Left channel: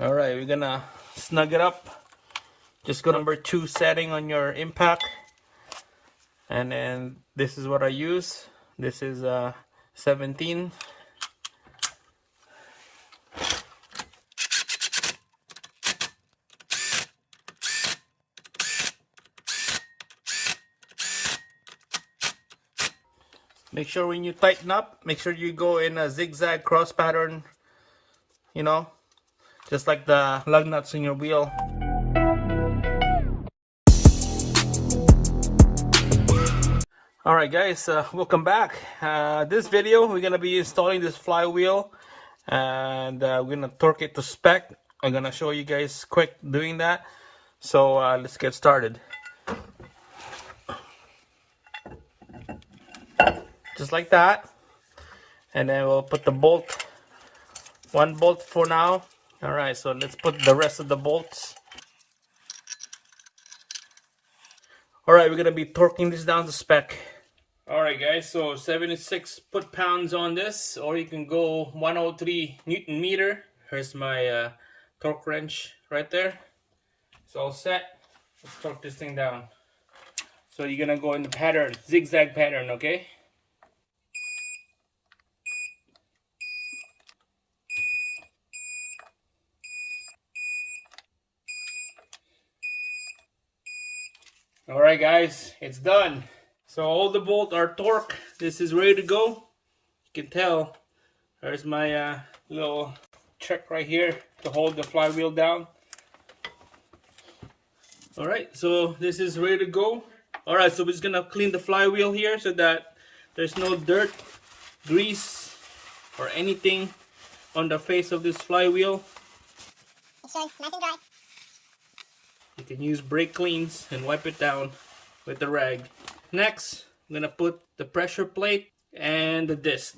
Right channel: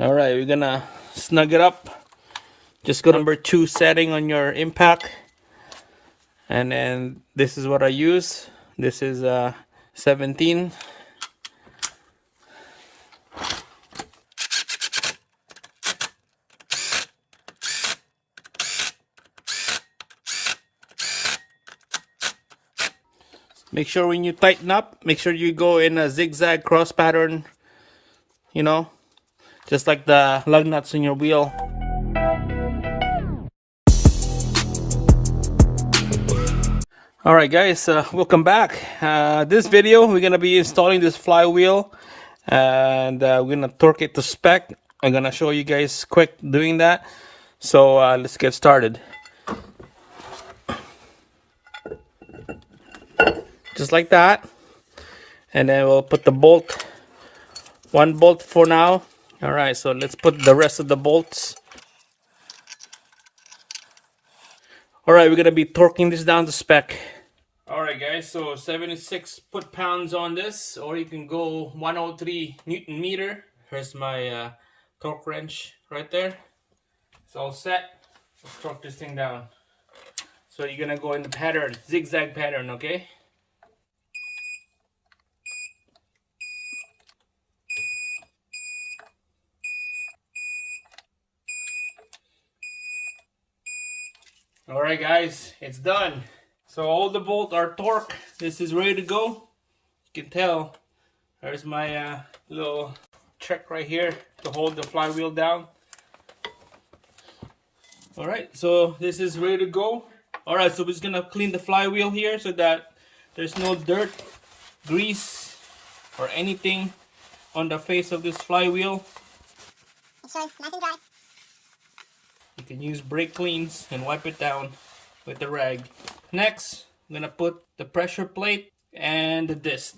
All right, we're gonna snug it up. Just go number 2 setting on your impact, and then this is what I use. This is 17. Make sure when you tighten up, make sure you go in a zigzag cross pattern, you know, just like the lug nuts in your wheel. Alright guys, welcome back. This video we're gonna be installing this flywheel, and we're gonna torque it to spec. I'm gonna show you guys quick doing that. So let's get started. Just like that, and then we'll put the bolt, one bolt for now. Alright, so let's put the rest of the bolts. Alright, we're gonna be torquing this down to spec. Alright guys, so 76 foot-pounds on this, or you can go 103 Newton meter. Here's my torque wrench right there. It's all set. Let's torque this thing down. So you're gonna go in the pattern, zigzag pattern, okay? Alright guys, it's done. So all the bolts are torqued. This is ready to go. You can tell there's my little check right here to hold the flywheel down. Alright, so this is ready to go. Alright, so we're just gonna clean the flywheel here so that there's no dirt, grease, or anything on the face of this flywheel. It's nice and dry. You can use brake cleans and wipe it down with the rag. Next, I'm gonna put the pressure plate and the disc.